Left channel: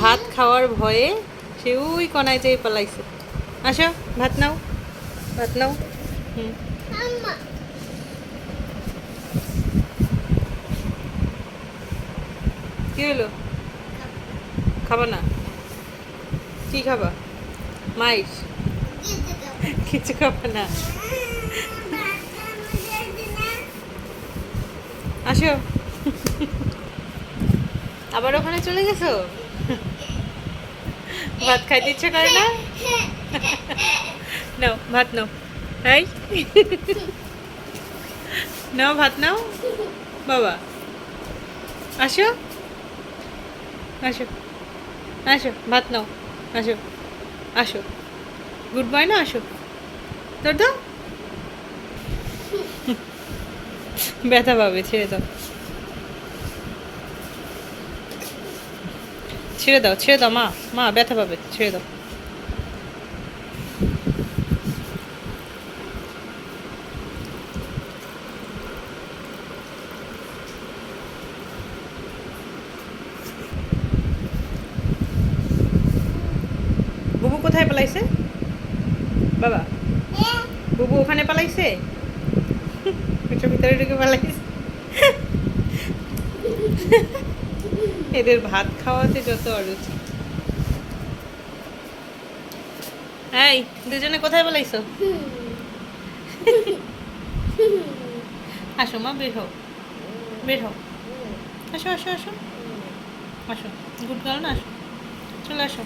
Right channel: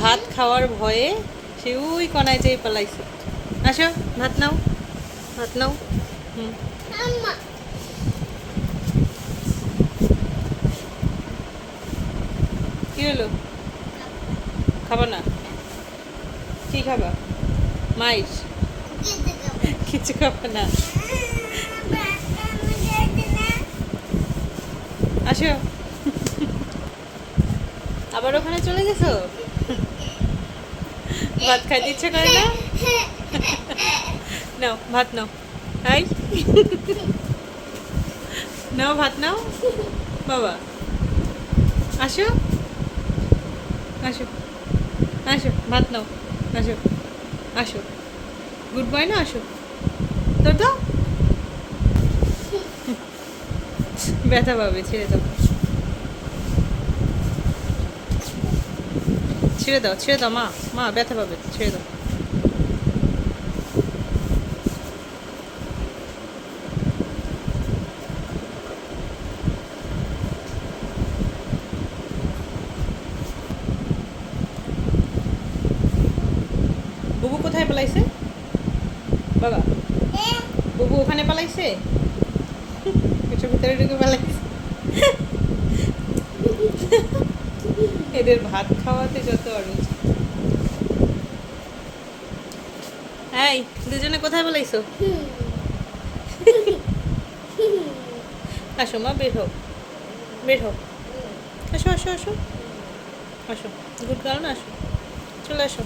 ভাত খাওয়ার ভয়ে সে ওই কনায় যেয়ে পালাইছে। আসো ভাত নাও, ভাত নাও। হুম, কি হলো? খাবা না? কি খাবা? মাইস? কিছু খাবা না? আসো। আবার ওখানে চলে গেছো? ভাত খাইতে ইচ্ছে করে না? নাও ভাত নাও। এই নাও ভাত নাও বাবা। আসো, আসো, আসো ভাত নাও। আসো, আসো। গুড বয় না, আসো। তোর দাও, ব্যথা পাবে, ছেড়ে দাও, ছেড়ে দাও, ছেড়ে দাও মা, মা ব্যথা পাবে, ছেড়ে দাও। বুবু কোথায় পালাইছে বাবা? বুবু ওখানে পালাইছে, কিছু ভিতরে ঢুকে পালাইছে। এদের ভাত খাওয়াতে যত অরুচি। এই দুজনে কোথায় পালাইছো? আসো মা, বের হও, বের হও। আসো, আসো, আসো, আসো। গুড গার্ল না, আসো, চলে আসো।